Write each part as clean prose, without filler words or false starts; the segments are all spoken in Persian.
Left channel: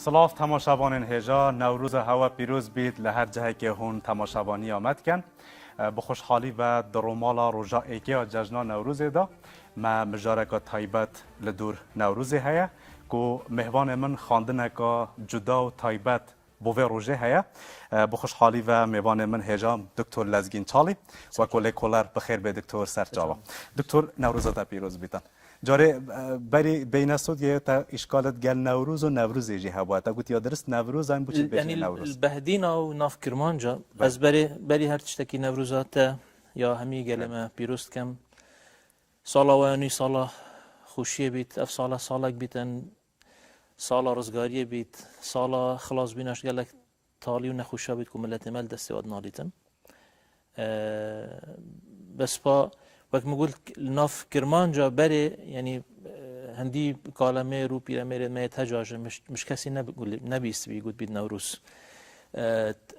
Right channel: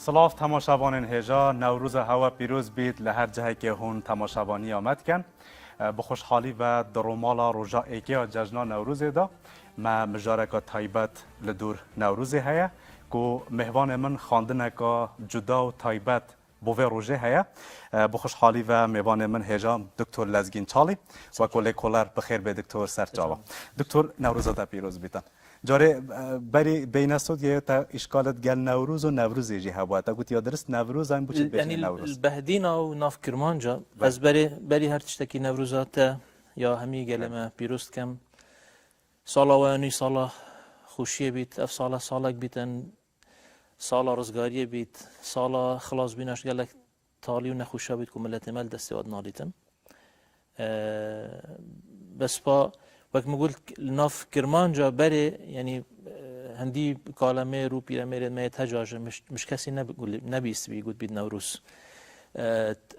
سلاف تماشاوان هجا نوروز هوا پیروز بید لهر جهه که هون تماشاوانی آمد کن به خوشحالی و درومالا روژا ایکی جشنا نوروز دا ما مجارکا تایبت لدور نوروز هیا که مهوان من خواندنه که جدا و تایبت بوه روژه هیا به خوشحالی و مهوان من هجا دکتر لزگین چالی و کلی کلر بخیر به دکتر سرچاوا دکتر نوروز دا پیروز بیتن جاره بری بین اسود یه تا اشکالت گل نوروز و نوروز یجی هوا تا گوت یا درست نوروز هم بچه بین نوروز بهدین او ناف کرمانجا از بری هر چتکی نوروزات یا همی گلمه پیروز کم سالا و نی سالا خوشی بیت اف سالا بیتن سالا رزگاری بیت سالا خلاص بیناش گلک تالی و نخوشا بیت که ملت مل دستی واد نالیتن بس با وقت مقول ناف کرمانجا بری یعنی هندی کالمه رو پیرامیر میت هجاج مش کسی نبیست بیگود بید نوروز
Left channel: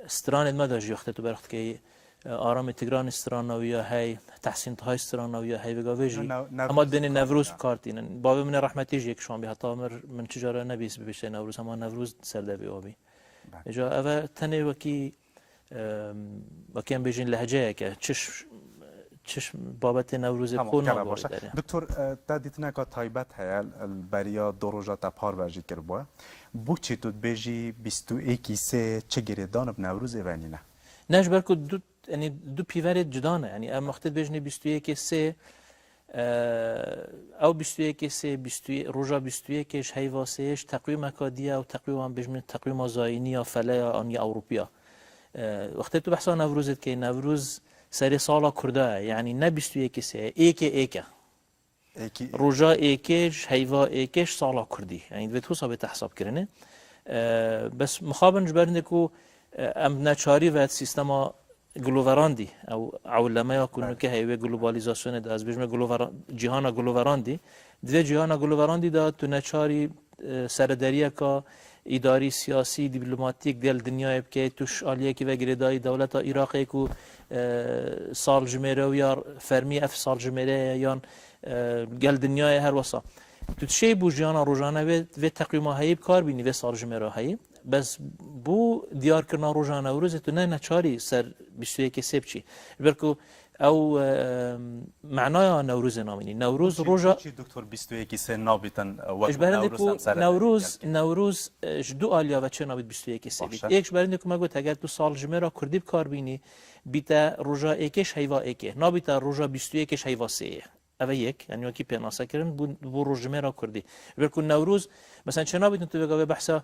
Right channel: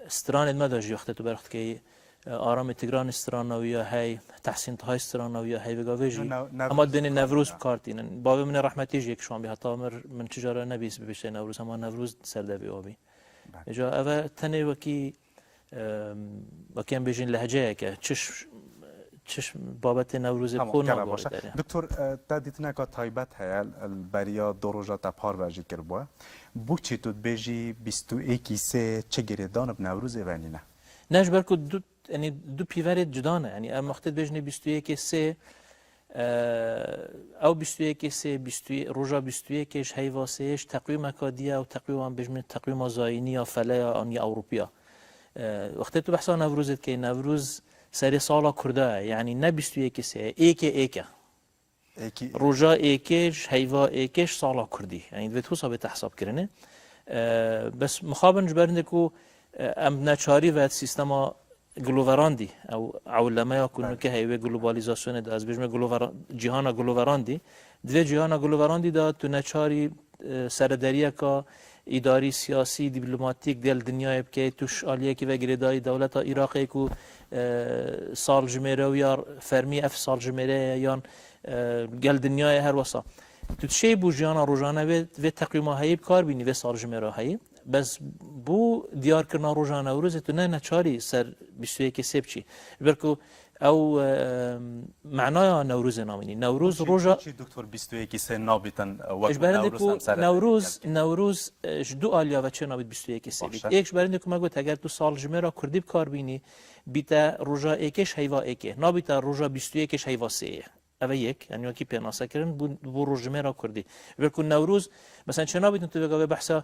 استران ما داشت یخته تو برخت که آرام تگران استرانویا هی تحسین تهای استرانویا هی بگاویجی اما دین نوروز بکارتین بابا من رحمتیش یک شام به حتی من چجورا نبیست ببیشه نوروز اما نوروز سردبی آبی جا اول تنه وکی هم بیجین لهجه که چش بابت نوروز خون باشه دکتر دادیتنا که تایبت هیا بریا دو روزا تپار ورزی کرد بو چی تو بیجی 21 سه چه گردان نوروز ونینه نش برکو دو پیور جدانه یعنی ام وقت بیجنی 21 سه او 21 سه روزا 21 ش هیواسهش تقویم اکادیا و تقویم بیجنی تقویم زاینی یا فله یا آنی اروپیا وقت تو بحثا نوروزت که نوروز سری سالا کرده یعنی نه 21 سه ایکه روزا ایکش هیوا ایکش سالا کردی یعنی به تو ثابت حساب کردنه بس مخابن جبرنه کو ام نچاری و سیستما گلووراندی او علماء یکونو که هیوه گلوبالیزاسیون ده از بجمه جهان گلووراندی دوی جهان گلووراندی دا تو نچاری سردریه که اداری سیاسی دیپلماتیک دل دنیای که توش آلیه که وگری داری دولت عراقی کو سال جمعه و یا فرمی اف سال جمعه یا گل دنیای هر وسا تو چه بوجیانا روزانه و تقریما هایی کار بینی و سال جمعه هایی بس بو دیار کردن روزانه و روز تو نه نچاری سر 21 سبچی برکو او معنای نوروز نامینی نوروز روزا دکتر 21 سه نابیتن نوروز دو آلیا و چه نابید 21 سه یکش برنده که مگوت اگر تو سال جمعه را کردی کار بینی بیتا روزا ایکش هیوا ایکه نابیتا روزا 21 هیوا سه اوه یک یعنی وکی پیاناسا کردن بو روز جمعه را کردی برکو نوروز مثلا چه نابیتن تو بگاوه بحثا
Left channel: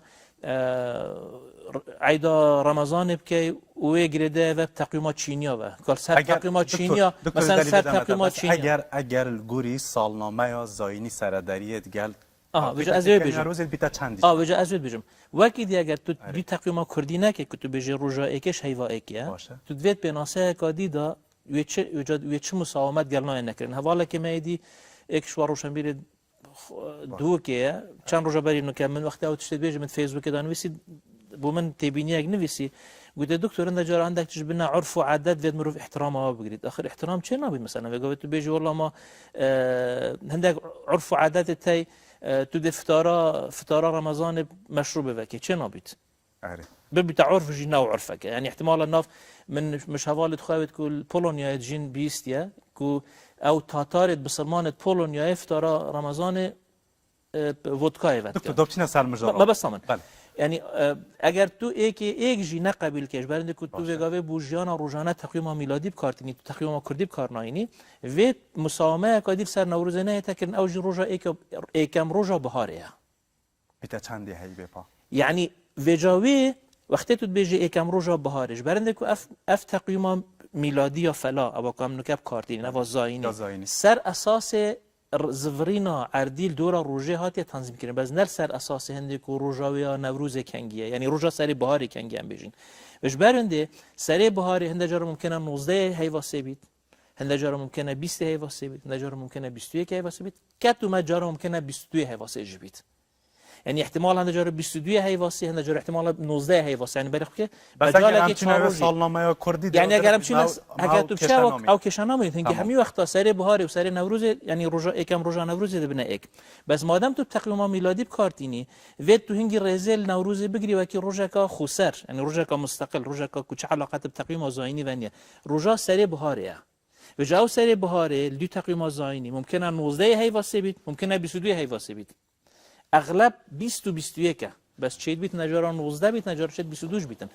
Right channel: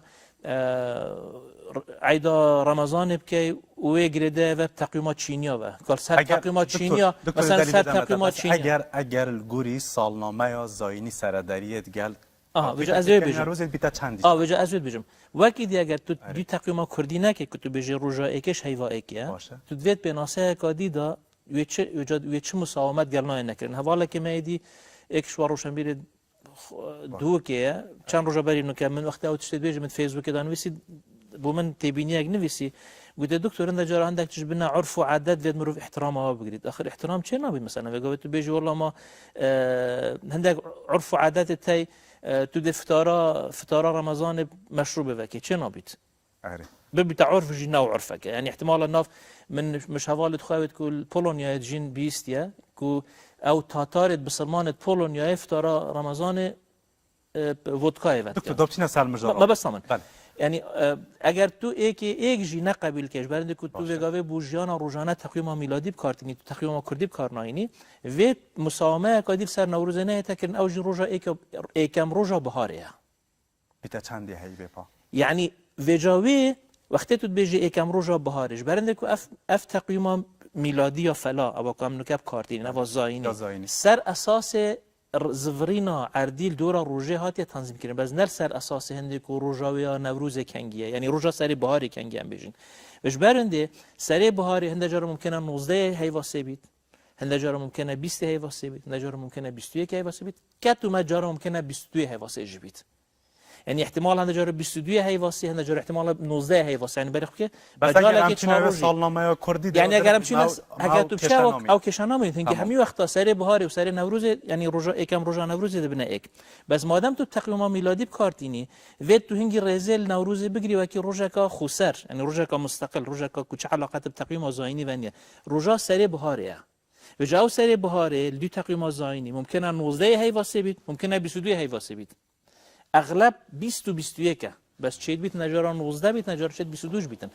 عیدا رمضان بکی اوه گریده و تقویمات چینیا و کار سر تقویمات چینیا مثلا سر تقویمات چینیا اگر گوری سالنامه یا زاینی سردریت گل وجه از روی بیجم روز بیتا چندی وجه از روی بیجم وکی دی اگر تو بی تقویمات کردی نکه که تو بیجه روژا ایکش هیوا ایکیه تو دوید بناسه کادی دا وی چه مساومت گلنای نکرن حوالا که میدی ایکش واروشن بیره دو که چند روزا بری نو که من وقتی او تشتید بیجم فیسبوک دانویسی بو من تبيني اجنبي قلت دكتور انت جرى عندك تجبنا عرف وعادات فيد مروف احترامها بقريت اخر احترام شنو نبي مثلا قلت بيجي والله ما عندك عرف وعادات تاي تدي فطاره رمضان مشروبه وكي شنو نبيت ببي عرف جي نوع عرفك يعني احتمال الناف من مش هوالد خاوت كل بولونيا جين بيستيا كو او تاتارت بسلمان بولونيا فطاره رمضان ودكاي دكتور دوبتينا سال ما بس یعنی اگر تو ایک جی نقبل کش برنده که تو وگاوه بوجیانا روزانه تقویم میلادی بکارتنی تو تقویم کردی بکار ناینی و مسامه کادی سر نوروز نه تکن اوج روزا ایکم روزا بهاره بیتا چندی هی بپا یعنی وجاوه وقتی تو بیجی ایکم روزا بهارش برنده که اف تقویم میلادی یا فلا ابا کام نکب کارتنی نوا زاینی سر اساس زفرینا عردیل دورا روزه هاتی تنظیم کرده باز نر سر اساس هندی کو روزا یا نوروز کنگیه یعنی روزا سری بهاری کنگی هم بیجین وش برنده سری بهاری هنده جارا ممکنه 19 هیواسه بید هنده جارا ممکنه 20 هیواسه بید هنده جارا ممکنه 21 هیواسه بید که تو جارا ممکنه 22 هیواسه بید یعنی احتمال هنده جاره 22 هیواسی هنده جاره احتمال 19 هیواسی یعنی برخ که بس اگر همچنین سالنامه کردی یعنی اگر همچین اگر تو چه او کشانامه هنگی همی وقتا سر بهار و سر نوروز یعنی روزا یکم روزا نوروز ده بنا یک بس مادام تو تقویم میلادی بکارتینی و تو هنگی رزل نوروز بگیری و که روزا کا خسر یعنی روزا کا مستقل روزا کا کوچ علاقه به تقویم زاینی ونیه روزا سر بهاره و جاو سر بهاره دو تقویم زاینی ممکنه 19 هیواسی بید ممکنه 22 هیواسی بید اغلب 20 و 21 بس چید بیت نجارا 19 بیت نجارا چید 22 بیتن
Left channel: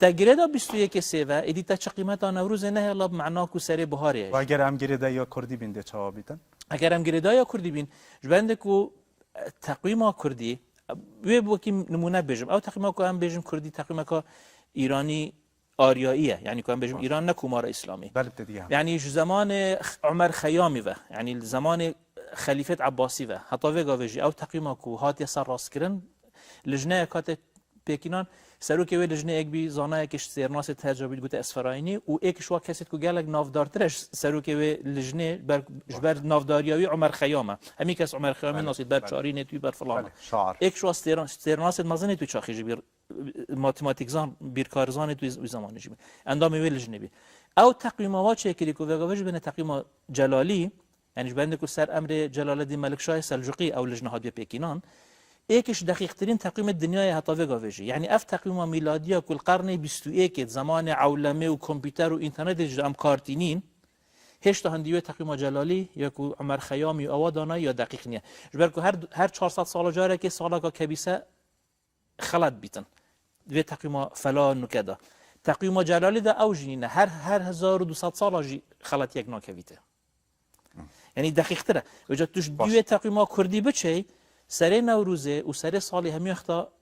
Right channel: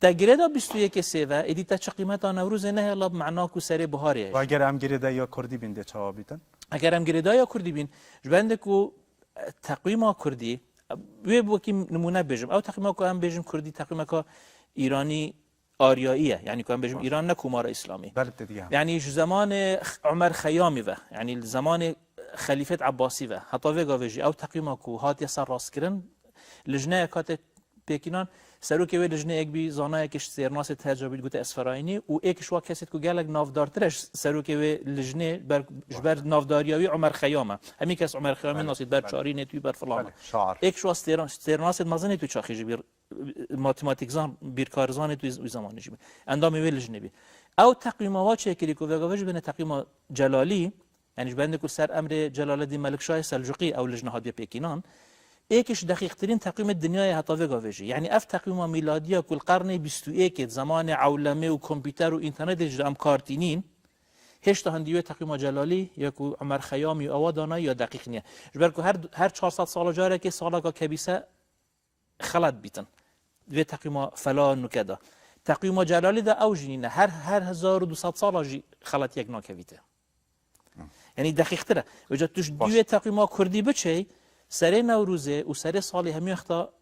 تگریدا 21 سیوه ایدی تا چه قیمت نوروز نه الا معنا کو سر بهاره و اگر هم گریدا یا کردی بینده چا بیتن اگر هم گریدا یا کردی بین جبنده کو تقویم کردی و بو کی نمونه بجم او تقویم کو هم بجم کردی تقویم کو ایرانی آریاییه یعنی که هم بجم ایران نه کومار اسلامی یعنی زمان عمر خیامی و یعنی زمان خلیفه عباسی و حتی وگاویجی او تقویم کو هات سر راست کردن لجنه کات پکینان سرو که وی لجنه یک بی زانه یکش سرناس تجربی گوته اسفراینی و یکش وا کسیت کو گلگ نافدارترش سرو که وی لجنه بر نافداریاوی عمر خیامه همی کس عمر خیامی ناسید بر چاری نتوی بر فلان یکش وا سرناس مازنه تو چاخیجی بر ماتماتیکزان بیرکارزان تو زمانی جی اندام وی لجنه بی او تقویم ها چه کلی کو وگاویج بین تقویم جلالی یعنی بنده کو سر امر جلال الدین ملک شاه سلجوقی او لجنه هادی پکینان یکیش دقیق ترین تقویم دنیای حتی وگاویجی یعنی اف تقویم میلادی کل قرن 21 زمان عولمه و کامپیوتر و اینترنت جام کارتینین هیچ تا هندیوی تقویم جلالی یا کو عمر خیامی او دانا یا دقیق نیه جبر کو هر 400 سال جاره که سالا کا کبیسه خلط بیتن دوی تقویم فلا نکدا تقویم جلالی ده او جنینه هر 1200 سال جی خلط یک ناکویته یعنی دقیق تره وجد توش دوی تقویم کردی بچه سر نوروزه و سر سال همی وقتا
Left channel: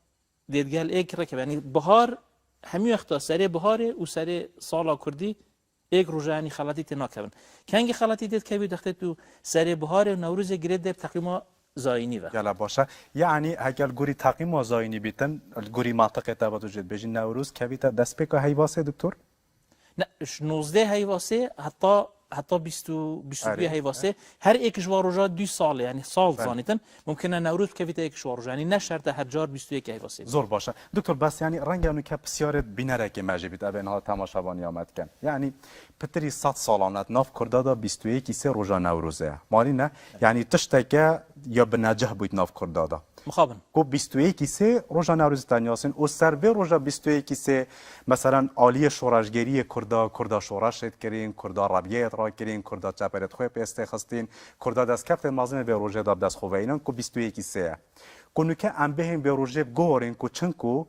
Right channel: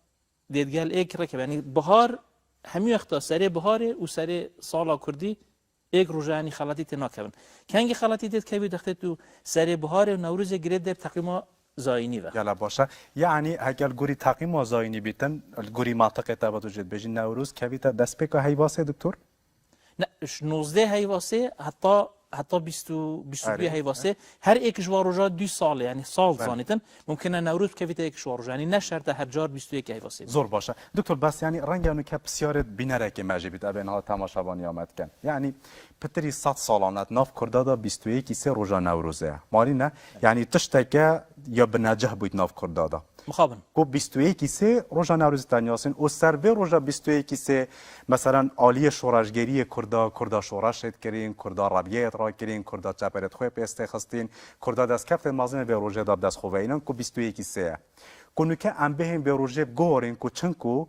دیدگل ایک رکب یعنی بهار همی وقتا سر بهاره و سر سال کردی ایک روزه یعنی خلاطی تنا کردن کنگی خلاطی دید که دخته تو سر بهار نوروز گرید در تقویم زاینی و گله باشه یعنی اگر گوری تقویم زاینی بیتن گوری منطقه تبا توجد بجین نوروز که بیت دست بکا هیواسه دکتر نه 19 هیواسه حتی 22 هیواسه هر یک جوار روزا 2 ساله یعنی سال زانیتن ممکنه نوروز که ویت یک جوار یعنی نه شرط هر جار 21 هیواسه زور باشه دکتر بس یعنی رنگ انو که بسیار بینره که مجبید ابنها تماشاوانی آمد کن یعنی پتری 100 سالانت ناف کرده دا 21 سه روزا نوروزه مالی نه یعنی تشتکه یا به نجح بود ناف کرده دا مخابن کو 21 سه روزا نوروز تنیاسین او سر به روزا 21 سه مثلا عالی شورشگری کردا شورش کردین کردا ربیت را کردین کردا چپرت خو پسته خستین کردا دست کفت مازن به روزا داد دست خو وینن کو 21 سه کنو که ام بهم به روزا گورین کو چنکو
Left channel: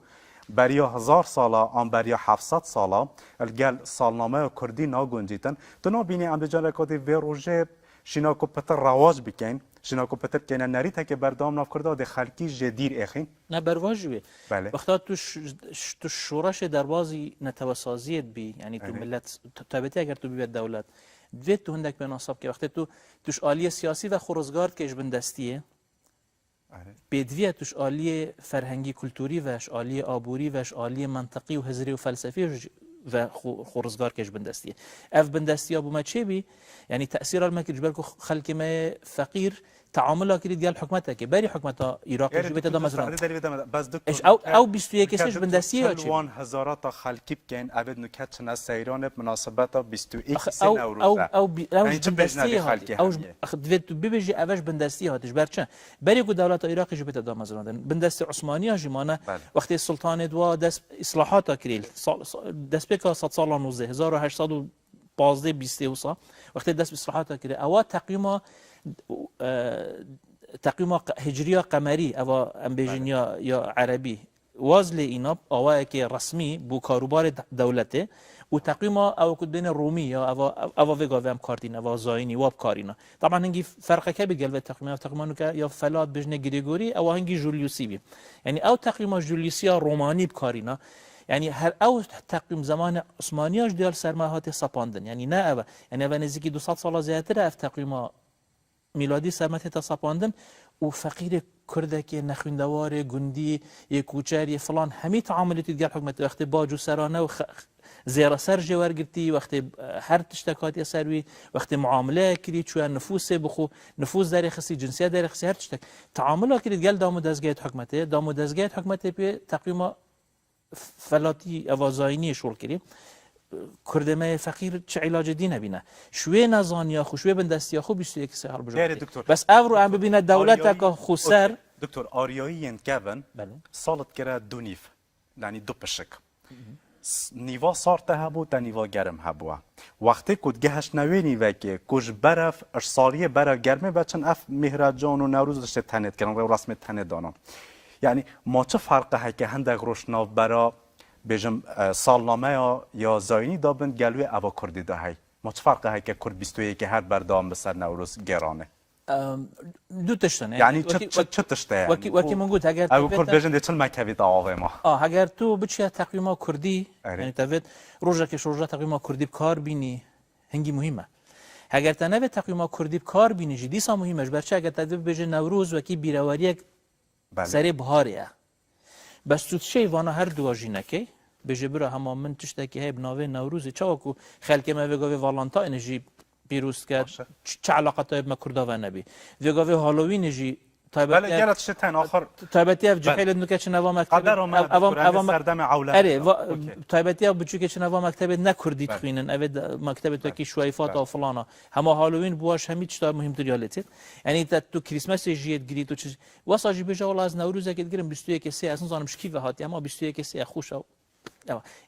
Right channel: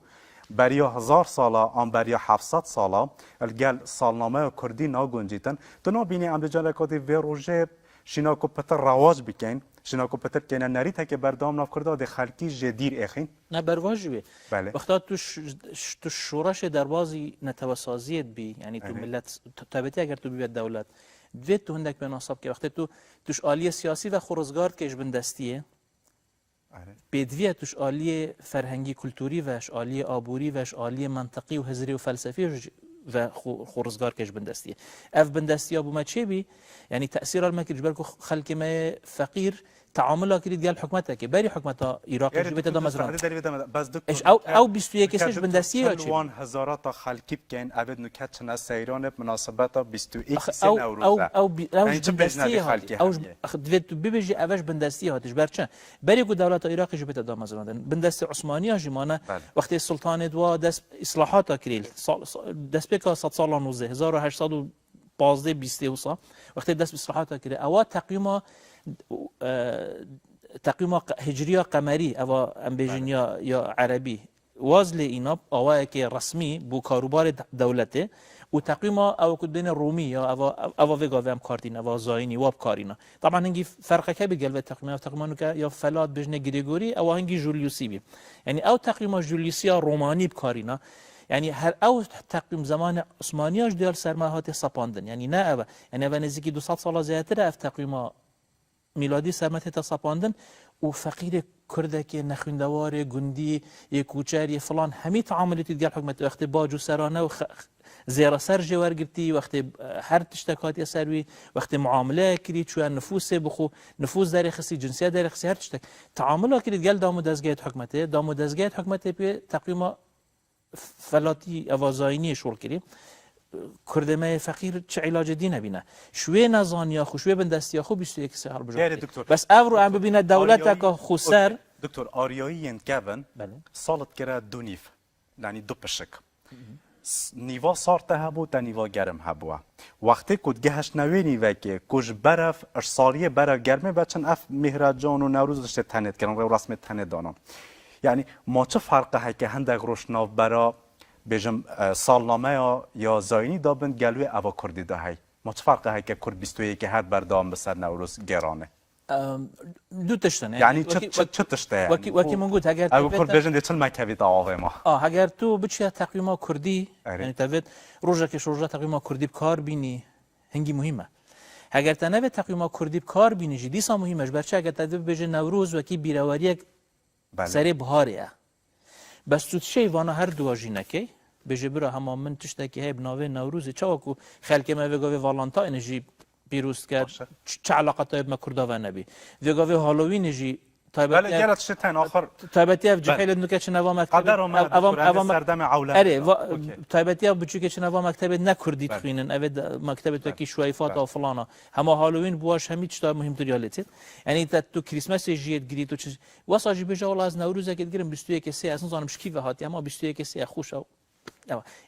بریا 1000 سالا ام بریا 700 سالا الگل سالنامه کردی ناگنجیتن تو نو بینی ام بجال کدی به روزا شینا کو پتر رواج بکن شینا کو پتر کنه نریته که بردام ناف کرده د خلکی جدیر اخین نه برواج بی بله وقتا تو شورش دروازی نتوسازیت بی یعنی تو ملت تابعه اگر تو بیاد دولت دوید تو هندک به نصاب که وقتی تو توش عالی سیاسی و خورزگار کش بندستیه بدویه توش عالی فرهنگی کلتوری وش عالی آبوری وش عالی منطقی و هزری و فلسفی و خورزگار کش بندستیه اف بندستی ابو ما چه بی یعنی تاثیر المکر جبر کو خلک ما فقیر تعامل کرد گل حکومت که بری حکومت عراق جبت دا مثلا اش او 21 سش بندستی یا چه وان هزارات خلکی بکن ابد نکات نه سیران مناسبت 21 سه او بندستی او دوید تو ببیجی اوش بندستی هاتش برچه بری کو دولت عراق جبت دا مثلا بندستی عثمانی جمانه وقتی سلطان دوا دست اصلاحات کریل دست بک 100 سال 1815 20 وصا وقتی دست اصلاحات کرد او تقویم هجری قمری او امبیجنیا یا عربی وازل اینا اوای که رسمی بو کاروبار دولته و تقویم او کدین رومی یا او وگا هم کارتین او زاینی و کارینا طبعا هنگی فرق که بگل و تقویمانو که یا فلات بجنه گریگوری او هنگی جولیوسی بی یعنی او تقویم جولیوسی رومانی بکارینا یعنی هر او تقویم زمان عثمانیاش دیار سرماهات سپاندن یعنی نه او یعنی او نزدیکی 200 سال زیاتر اف تقویم میلادی سرمت تا سپاندن و فقیر کردک نخوندوار گندی یک کوچر فلان همه تعاملاتی دیگر حکومت وقتی باج و سرانه و زیرا سر جوار گرتی وقتی هر تشتکاتی سروی وقتی معامله کردی چون نفوس بخو نفوس در خصی جنسیت در خصی هر تشتک تعامل کردی گل دام دزگیت حکومت دام دزگیت حکومت به تقریبا فلاتی اوازاینی شغل کردی کردمه فقیر چه علاج دی نبینه شوی نزانیا خو شوی بندستی خو 21 سال بجا بس اورو هم ببینه دولت که خسر دکتر آریایی انتگون سالت کرده دو نیف یعنی دو پشک نیوا سارت هبو تا نیوا گرم هبو وقتی کد گهش نوینی و که کج برف اشسالی برف گرمه بچن اف مهرجان و نوروز رشته تنت کردن و رسم تنت دانم یعنی ما چه فرقه های که هندگ روشناف برا بجم سالنامه یا زاینی دابن گلوی اوا کردی ده های ما چه فرقه های که کرد 21 هر بردام بسر نوروز گرانه دو تشتنه یعنی چه تشته یعنی وکی من گفت اگر او کرد بجن چون مکتبی دعوای ما اگر تو بچی تقویم کردی یعنی تفید روزا که روزا تقویم کردی کار بینی هنگی مهمه اگر تا نبی تقویم کردی کار بینی جدی سا مهمش بچه اگر تا بجن نوروز وکی بیراوری سری بهاریه بس تو چی وانا هر دو واژینه کی بجی برا همه من تشته که هی بناوی نوروز چاکو خلک ما بگوی والنتاین جی پیروز کرد چه علاقه تا ما کرده و نبی بگوی هالووین جی بله گرت شتن آخر تایبتی اف جحیل نکه چه نوا مکتب اوام سردم عولت اره تایبتی اف بچه که چه نوا مکتب نکردی تخینن اوید مکتب تو کی شویفات و فلانا همه هالووین بواش همین چطور مهم تریالتی یعنی تو کریسمس جیت گری تو چه واسه بجا ولی از نوروز که گریم 21 سه اصلا زانم شکی و هاتی اما 21 سه خوش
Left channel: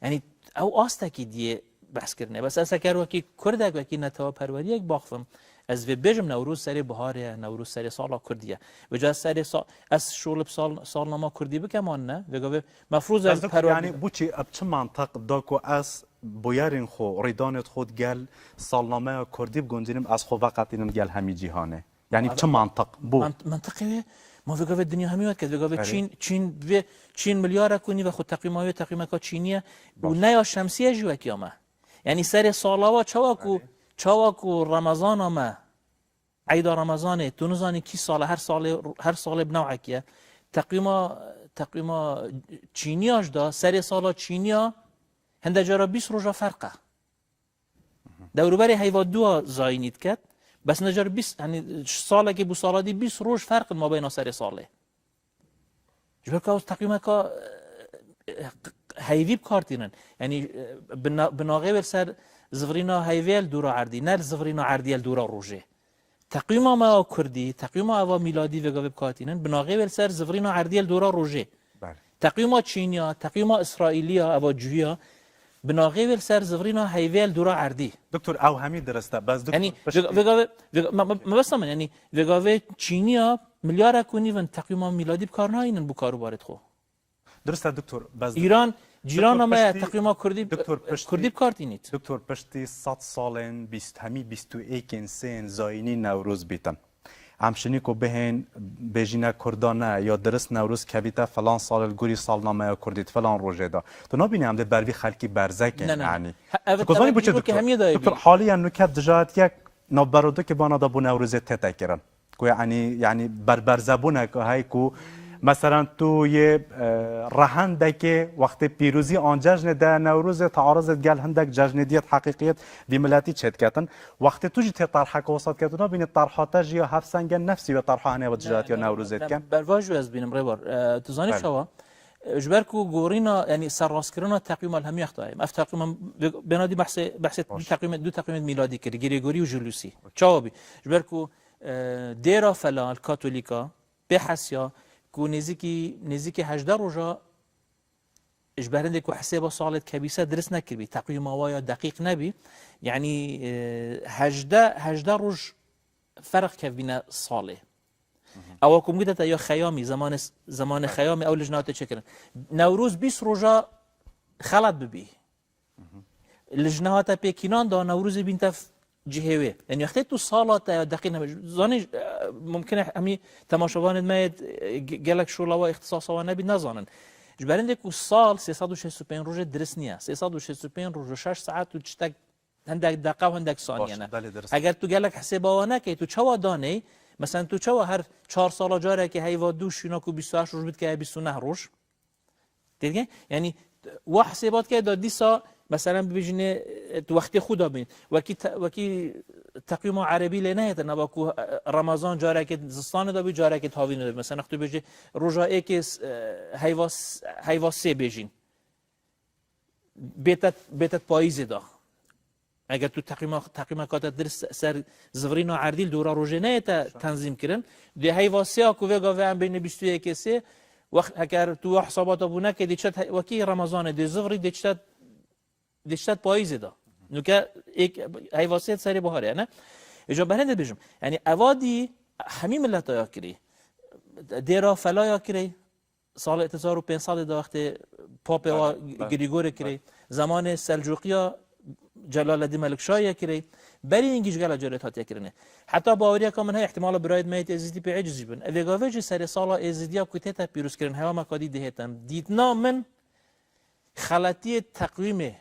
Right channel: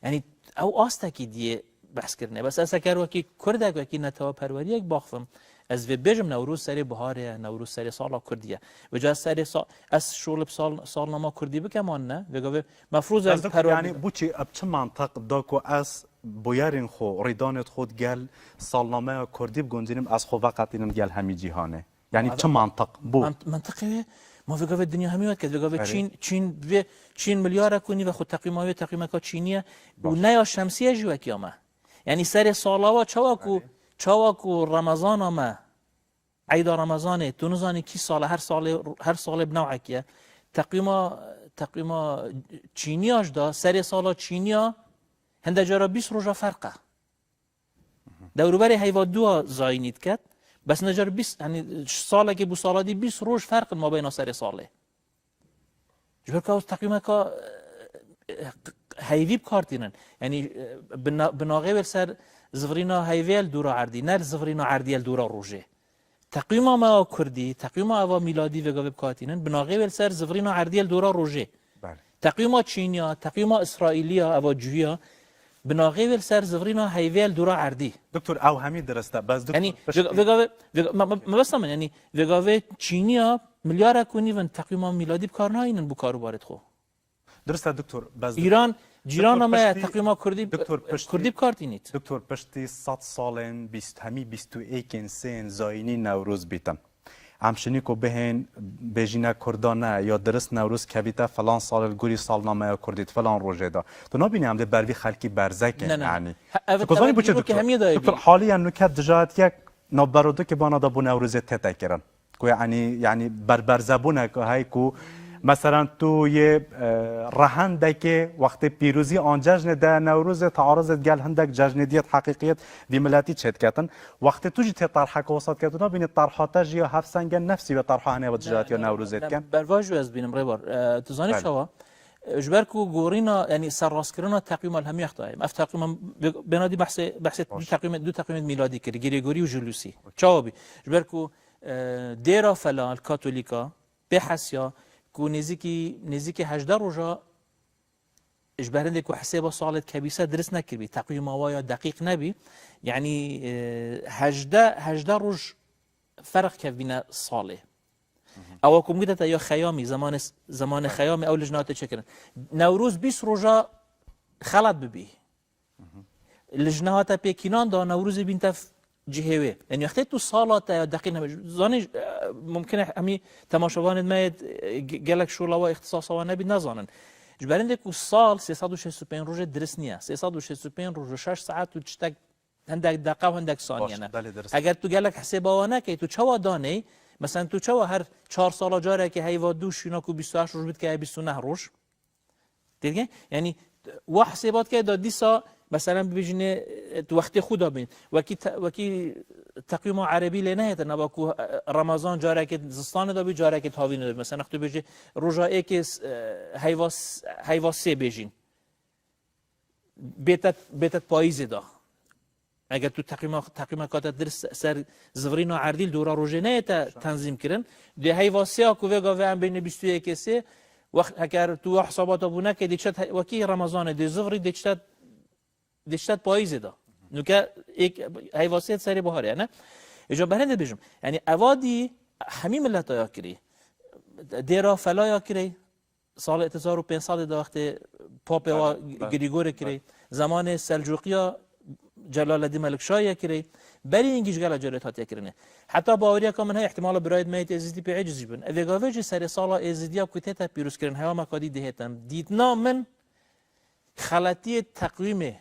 یعنی او آسته دیه بحث کردنه بس از اگر وکی کرده وکی نتوا پروری یک باخفم از و بجم نوروز سری بهاره نوروز سری سالا کردیه و جا سری از شغل سالنامه کردی بکمان نه بگه مفروض از یعنی بوچی اب چه منطق داکو از بویرین خو ریدانت خود گل سالنامه کردی بگنجینم از خو وقت اینم گل همی جهانه یعنی چه منطق بو منطقیه ما بگه دنیا همیت که بگه چین میلیارد کنی و خود تقییمای تقییمات چینیه و نه شمسیه جو کیامه یعنی سر سالا و چاواکو رمضان ما عید رمضان تو نزانی کی سال هر سال بنوع کیه تقییم چینیاش دا سر سالا چینیا هنده جارا 20 روزا فرقه دوروبری حیوان دو زاینید کرد بس نجار 20 یعنی ساله که بو سالا دی 20 روز فرق ما بین سر ساله جبر که تقییم که هیوی بکارتینن یعنی بناغه سر زفرینا هیویل دورا عردی نه زفرینا عردیل دورا روزه تقییم ما کردی تقییم ما میلادی و گاب کاتینن بناغه سر زفرینا عردیل دورا روزه تقییم چینیا تقییم اسرائیلیا و جویا بناغه سر زفرینا هیویل دورا عردی دکتر او همین درسته بس دکتر یعنی ما بس یعنی وگاو چینیا میلیارد کنی و تقییم میلادی بکار ناینن بو کارو وارد خو درسته دکتر بس ایران جیران ما تقییم کردی بکارتینید دکتر پشتی 100 سالن 20 همی 21 سن زاینی نوروز بیتم همشنی که بهن بجینه کردانه یا درست نوروز کبیته فلان سال گوری سالنامه کردید فلان روزه دا تو نبینی هم ده بروی خلکی برزکن یعنی کسانی بچه دکتر حالی هم نکت دجاعت یک نبرودو که بانا دا بو نوروزه تته کرن که یعنی برزبونه که های که مثلا تو یه رهنده که وقت پیروزی آن جشن ده نوروز تعارض گل هندک جشن دیت حقیقیت وی ملتی چت کردن وقت تو جیت طرح کوسات کردن بین طرحاتش یا هفت سنگ نفسی و طرح انه و تجارت یا نوروزت کن برواجو از بینم روار تو زانی شوا جبر کو گورینا یعنی سرراست کردن تقویم الهمی اختای اف تقویم بنادی بحث تقویم دو تقویم میلادی کردی گریگوری و جلوسی جوابی جبر کو دیرا فلان کاتولیکا به حسیا کو نزیکی 18 روزا اجبارنده کو حساب سالت کبیسه درس نکردی تقویم وایا دقیق نبی یعنی 18 روز فرق کبینه ساله او کوم گیت یا خیامی زمان خیامی او لجنات چه کردن نوروز 20 روزا خلط ببی لجنات پکینان دا نوروز بینت جهوی یعنی وقتی تو سالات دقیق نمیشه زانی ممکنه همی تماشاگران ما گلک شولا و اختصاصا نبی نزانن جبرنده کو سال 365 روز درس نیه 365 روز 6 ساعت و چتک هندک دقیقه و هندک ثانیه نه اگر تو گلک حسابا نکی تو چوا دانی مثلا تو چه هر 4 سال جاره که هیوا دوش اینا کو 28 روز بود که 29 روز دیگه یعنی و حسابات که دادی سا مثلا ببینه تو وقتی خدا بین وکی تقویم عربی لنه تا نباکو رمضان جاره که زستان دا بی جاره که تاوین داره مثلا وقتی بجه روزایی که هیوا سه بیجین بیتت پاییز دا اگر تو تقویم کات درس سر زورین و عردیل دورا روزه نه تا تنظیم کردن ده هیوا سه اکو وگا و هم بین 21 سه وقت اگر تو حسابات ابونه که دیشت وکی رمضان ده زوری دیشت پاییز دا نو که یک هیواسیت سری بهاره نه اجا برنده بیشم یعنی اوادی همین ملت ها کری دیرا فلا کری سال 1500 دا وقت پاپ و گریگور کری زمان سلجوقیا جلال الدین ملک شاه کری بلی اینگیش گله جرات هات کرنه حتی باوریا که من های احتمال برای میت ازدی به عجزی بن اوگاویج سر سال ازدیا کوتیتا پیروز کردن هوا مکادی دهتن دیدنا من خلطی تقویم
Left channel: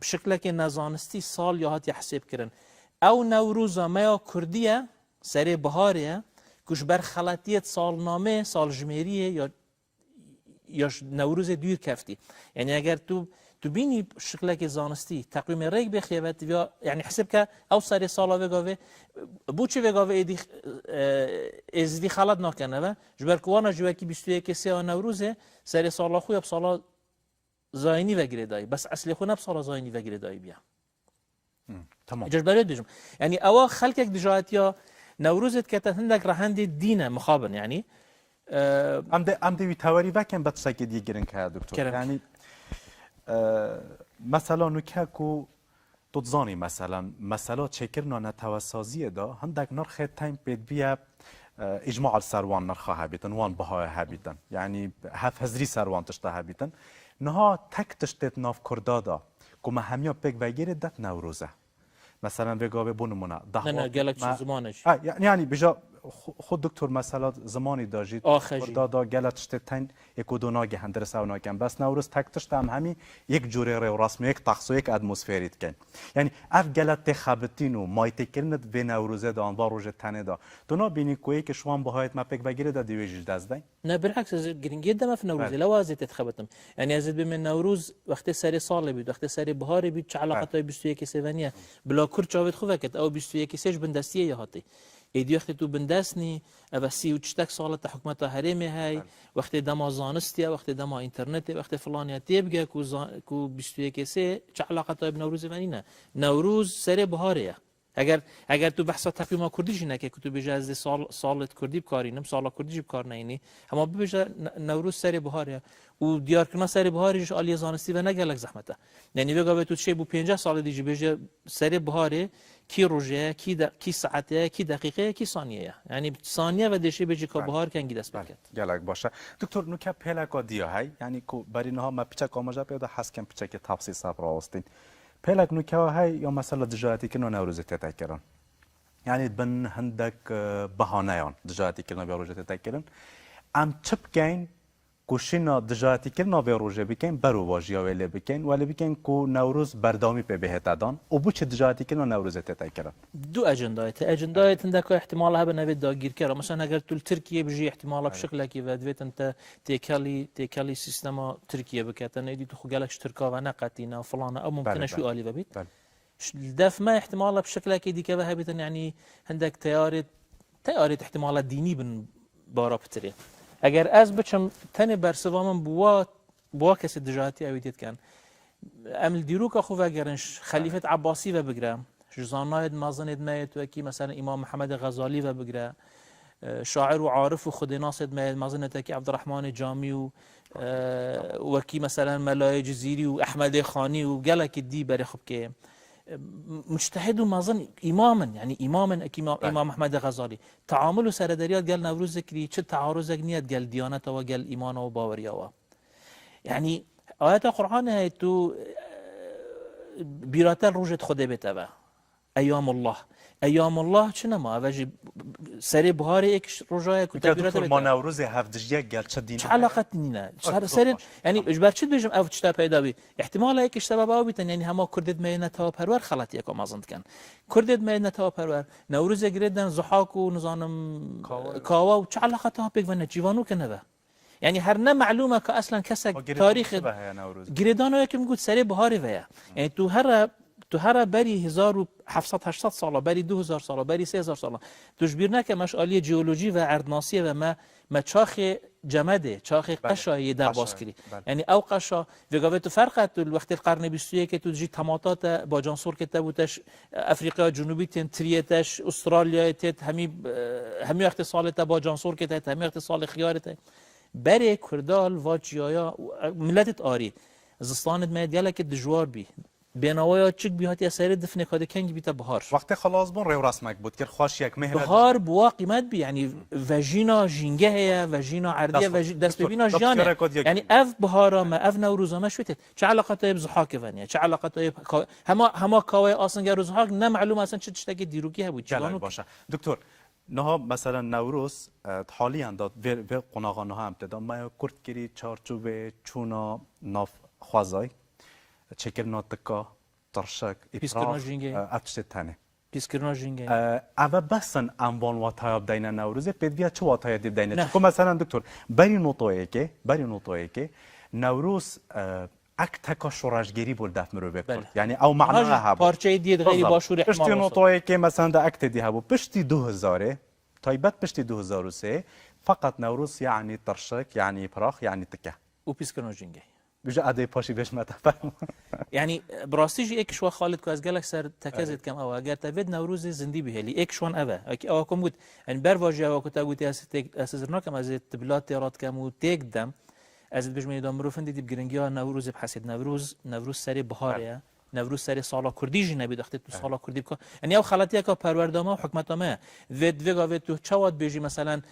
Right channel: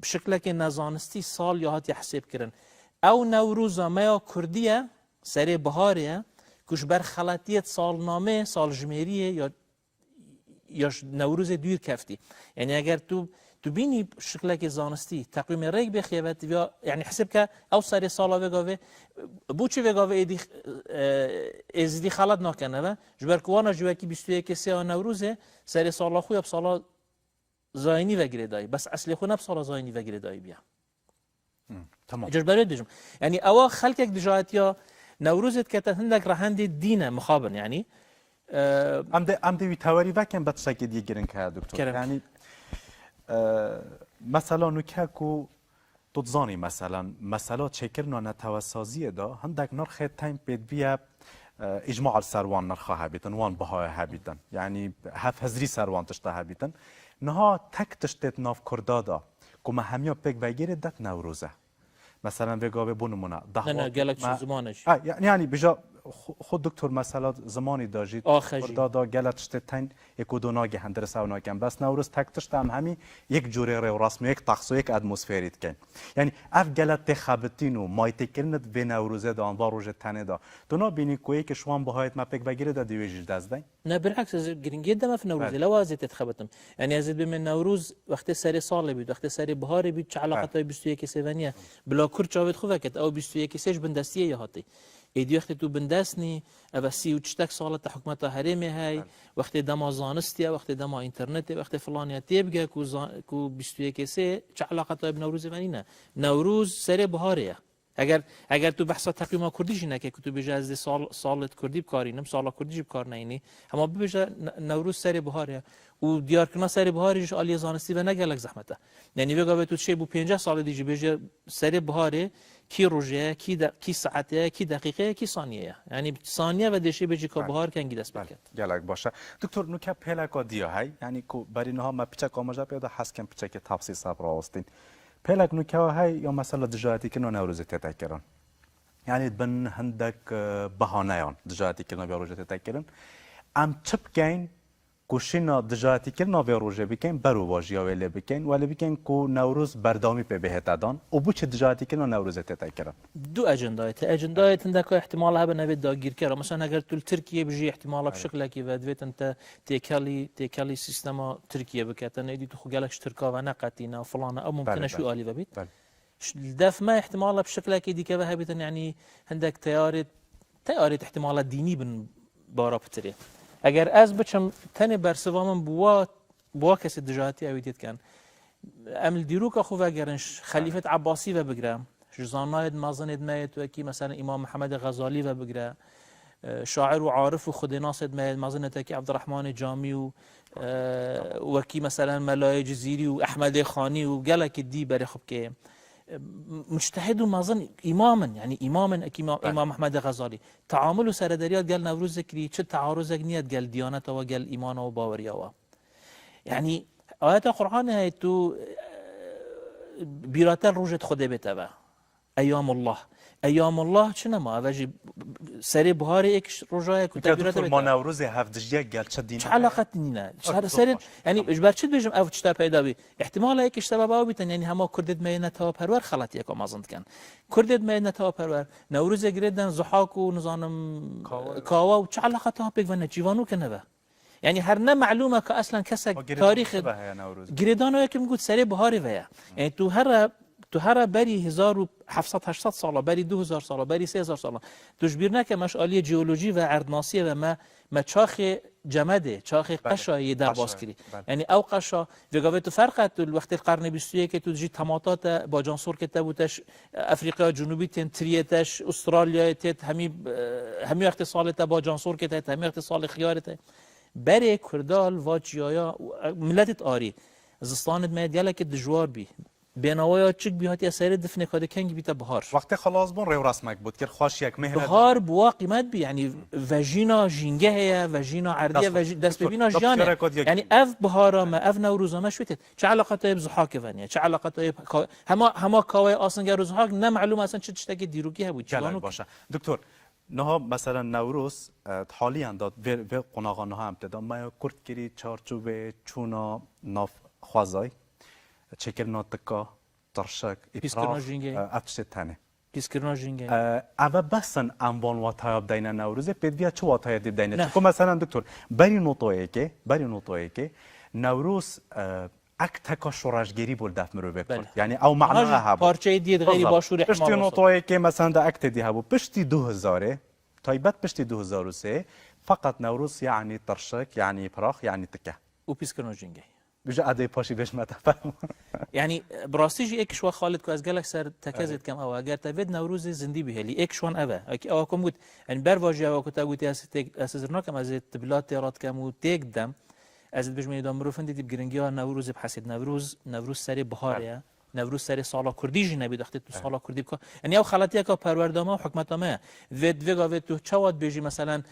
بشكل که نزانستی سال یا هات حساب کردن او نوروز ما کردیه سر بهاریه کش بر خلطیت سالنامه سال جمیریه یا نوروز دور کفتی یعنی اگر تو بینی شکل که زانستی تقویم ریگ بخیبت یا یعنی حساب که او سر سال وگاوه بوچه وگاوه ازدی خلط نکنه و جبر کوانا جوه که 21 سه نوروزه سر سال خوی اب سال زاینی وگیره دایی بس اصل خو نب سال زاینی وگیره دایی بیا تمام اجازه برای دیجم یعنی اوا خلق یک دجاتیا نوروزت که هندک رهند دینه مخابن یعنی ام دوی تواری وکن بچه که دیگرن کرد دکتر یعنی مثلا نکه کو تضانی مثلا چکرنا نتوسازی دا هندک نرخ تایم بید بیا اجماع السروان نرخها بیتن وان بهای هبیتن یعنی هف هزری سروان تشتا هبیتن نها تک تشتت ناف کردادا کما همیا پک وگیره دت نوروزه مثلا بگاوه بونمونه نه گلک چه زمانش یعنی بجا خود دکتر مثلا زمانی داشتید کردادا گلک تشتتن یک و دوناگه هندر سونا کن بس نوروز تک تشتم همی یک جوره رو رسم یک طقس و یک اتمسفریت کن یعنی اف گلک تخابتین و مایت کردن به نوروزه دان با روز تنه دا تو نبینی کوی که شوان بهایت ما پک وگیره دا دیویج دزدی نه بالعکس از گرینگی دم في نوروز لو ازت تخبطم يعني ازت بمن نوروز وقت سری سال بید وقت سری بهاری بید چه علاقه 21 سوانیه بلا کور چاوت خو وکت او 21 سش بندستیه هاتی ایدی وقت تو بندسنی او 38 سال تا حکومت حرمی های وقت دما زانستی وقت دما اینترنت وقت فلانیتی بگه کو 21 سه چه علاقه تا نوروز منینه نوروز سری بهاریه اگر تو بحث تقویم کردیش نکه که تو بیش از سالت کردی بکارینم سالا کردیش بکار نینی اما بیش نوروز سری بهاره و دیار کنه سری بهاریش عالی زانستی و نگلک زحمته یعنی بگه تو چه بو 50 سال دیگه بیش سری بهاره کی روزه کی ساعته کی دقیقه کی ثانیه یعنی ثانیه و دشی بجی که بهار کنگی دست بکرد گلک باشه دکتر نوکه پلکا دیا های یعنی کو بر اینها ما پیچک آماجا پیدا حسکم پیچک تفصیل صبر آستین پلک نوکه های یا مثلا دجاتی که نوروز تتکرن یعنی بن هندک بهانهان دجاتی که نوروز تتکرن ام چپ کین کوشینا دجاتی که نوروز بکن برو واژیا ولی بکن ولی بکن کو نوروز بردامی په بهتادان او بو چه دجاتی که نوروز تتکرن دو اجندایت عندك احتمال هبه نوید داگیر کرد مثلا اگر تو ترکیه بجی احتمال بشکل کی ودویت انت تیکالی سیستم ترکیه بکتن ایدی تو خجالش ترکا و نقطینا فلان او ممكن شو عالی ببيت دف ما احتمال بشكل كي دي كبه هبتن يعني عندك تياري احتمالات ديني بن بارابتري اگر از بچم تن برسوامن بوا کسی دجاتی اویدید کن امل دیروک خو اگرش خلیفه عباسی و بگرم جزاناید مازنید میت و کی مثلا امام محمد غزالی و بگرم شاعر و عارف و خود ناصد میت مازنید کی عبدالرحمن جامی و کی مثلا ملای جزیری و احمد خانی و گلک دی بر خب که مجتهد و مازن اماما يعني امام احمد غزالی تعامل سر دریات قال نوروز ذكري چه تعارض نیت قال دیانت و قال ایمان و باوری و يعني آیات قرآن هی تو بیراتر روجت خود بتبع ایام الله ایام الله چه نما وجه سری بهاری یک روزای دکتور کتابیات ما نوروز هفدجیه گرچه دینی چه علاقت نینه شهر سری یعنی اجبار چی بجم او چتا پیدا بی احتمال یک اشتباه باو بیتن یعنی همه کردید مینا تا پرور خلط یک آمازند کن کردید مینا تا پرور نوروز گریدن زحاک و نزانم کاوا و چه علاقت ها پیگونه جیوانو کنه به یعنی هر نه معلومه که اصلا کسک تاریخ گریدانو یکم گفت سری بهاری ویا یعنی تو هر بری 1700 ساله بری 2000 ساله بری 3000 ساله تشبیر نکه مش آلی جیولوژی و اردناسیه و ما چاخ جمده چاخ قشایی در باز کردی یعنی او قشا وگاوی تو فرقت وقت قرن 21 که تو جی تماتات با جانسور که تبوتش افریقا جنوبی تن تریتش استرالیا تت همی وقت سالت با جانسور که تت همی وقت سال خیارت بری کردال و جیایا ملت آری زستانت میدیاله که دجوار بی بیناویا چک بیاتی اثر دفنه کاده کنگ بیت بهار وقتی خلاص بون رو رسمک بود که خوش یک مهر بهار بوا قیمت بی یعنی وجینا جینگه هیا وجینا عردیه دست ببینا جانه یعنی اف بهارا ما اف نوروزانه شویت چه علاقه ای بزحاک ونیا چه علاقه ای هما کاوی آسنگر زحاک نه معلوم اصلا چه تشتکی دیروگی بود جلال باشه دکتر نه مثلا نوروز حالی انداد به قناغانه هم ابتدا ما کرد کری چارچوب چونا ناف خوازای چکر ناتکا ترشک افراش افشت تنه پیسکرنا جینگه اما بسن انبان واتای بدین نوروزه بدیا چه واتای بدین چون مثلا دکتر بری نوتویه که نوروز اک تکا شورشگیری بود دفت مرو بکن یعنی او معنی ها پارچه دید غیری باشور پشتی نوتویه که مثلا دا اکت دی ها پشتی 2000 تایبت پشتی 2003 فقط نوروز یعنی ترشک یعنی پراخ یعنی تکه و پیسکرنا جینگه بجا عده پاشی بهش متفهم یعنی براستی یک شو خالد که از گلک سر تکازت کم او اگر تفید نوروز زندی بهلی یک شون اوه اکی او کم بود ان بر واژه او کتا بود از زرناکم از تبلات تیرات کم و تیک دم از بجمه دام رو فندی دیب گرنگی ها نوروز بحثید نوروز سری بهاره نوروز سری سالا کردی جی نبید اختی تو سالا کردی بکن یعنی او خلاطی که پروردامه و حکمتامه وید تو چواد بیجی مثلا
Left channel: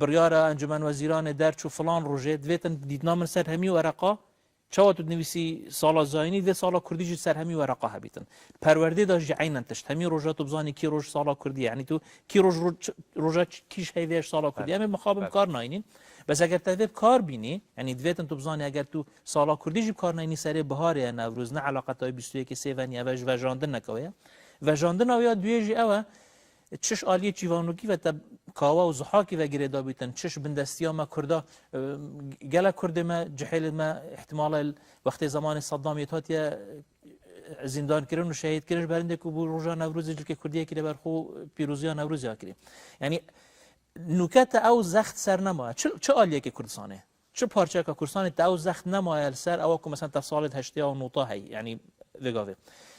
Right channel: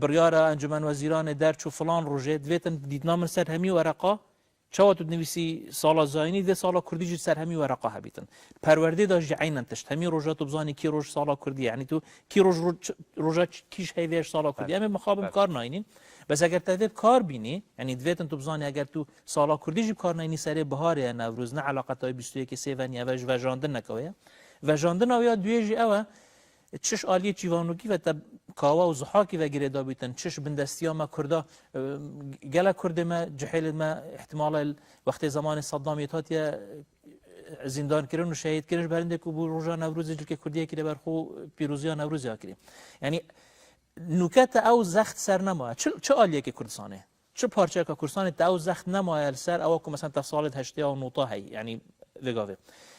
بریار انجمن وزیران درچ و فلان روزه دویتن دیدنام سر همی ورقا چواد نویسی سالا زاینی و سالا کردی جی سر همی ورقا هبیتن پروردی داشت عینن تشت همی روزه تو بزانی کی روز سالا کردی یعنی تو کی روزه کیش هیویش سالا کردی همه مخابم کار ناینین بس اگر تدید کار بینی یعنی دویتن تو بزانی اگر تو سالا کردی جی کار ناینی سر بهاره نوروز نه علاقت های 21 سیونی اوش وجاندن نکایه وجاندن اویا دویجی اوه چش آلی چیوانوکی و تب کاوا و زحاکی و گریدا بیتن چش بندستی ما کردا گله کرده ما جحیل ما احتمال وقت زمان صدام یتاتی زندان کردن و شهید کردن برنده که بو روزا نوروز که کردیه که برخو پیروزی نوروزی کردیم یعنی نکات او زخت سر نما چه آلیه که کردستانه چه پارچه که کردستانه او زخت نما سر او که مثلا تفصیلات هشتی او نوتا هی یعنی وگاوه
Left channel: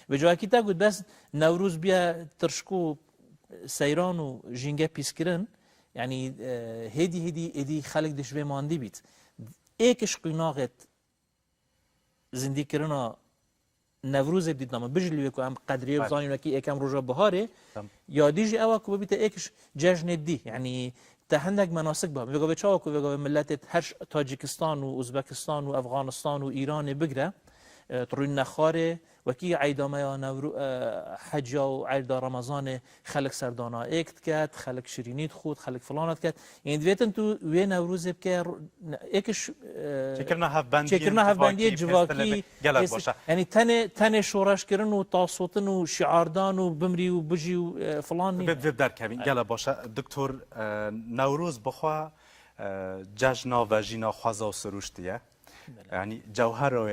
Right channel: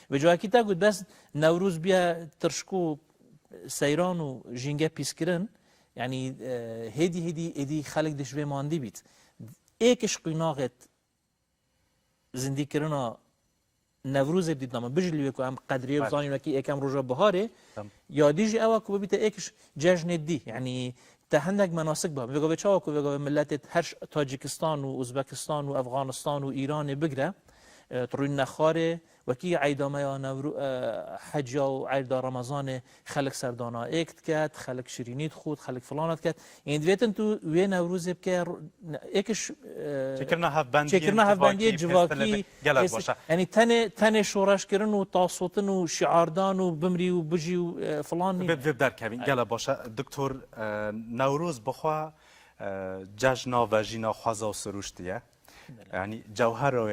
به جای کی تا گفت بس نوروز بیا ترشکو سیران و جنگه پیس کردن یعنی هدی خلق دشوی ماندی بیت ایکش قیناقت زندگی کردن نوروز بدید نام بجلیه که هم قدری بزنیم و کی یکم روزا بهاره یادیجی اوا که بیت ایکش جشن دی یعنی تهنگ مناسک با بگو بچا که بگو ملت هر تاجیکستان و ازبکستان و افغانستان و ایران بگره طروی نخاره وکی عیدامه یا نورو حج و عید رمضان خلق سردانا اکت کرد خلق شیرینیت خود خلق فلانت کرد این دویتن تو وی نوروز بکر اکش چکرنا هفبندی جواکی یعنی تن شورش کردن و تاسوتن و شعاردان و بمری و بجی و فلان در کمی گله باشه دکتر نوروز بخوا جشنا و جینا خوازا و سروشتیه یعنی جوهر او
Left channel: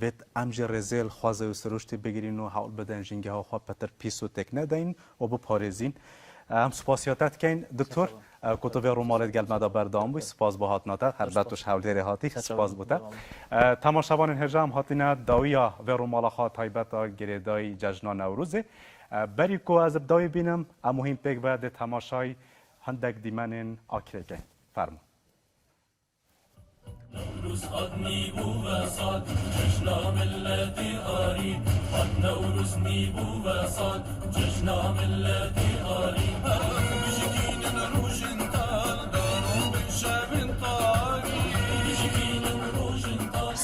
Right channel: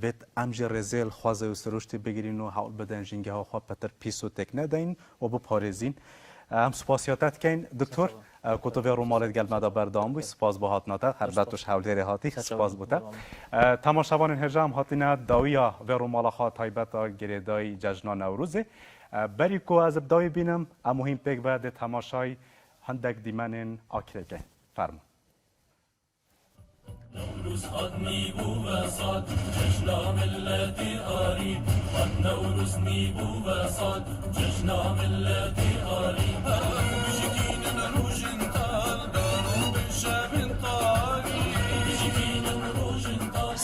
ویت امج رزیل خوازه و سروشتی بگیرین و حال بدن جنگه ها خواه پتر پیس و تکنه دین و بپارزین هم سپاسیاتت کن دکتر کتب رومالت گل مدا بردام بوی سپاس با هات ناتت هر بتوش حولی هاتی سپاس بوده تماشاوان هجام هاتینا داویا و رومالا خواه تایبت گریدای جشن نوروزه بری کو از ابدای بینم مهم پیک بعد تماشای هندک دیمنین آکره گین فرمون نوروز قدني بوبسات جشنا ملتي قريب نوروز نيبو بسات جشنا ملتي قريب بشكين العروج انطال دارو بالشاب انطال بشكين العروج انطال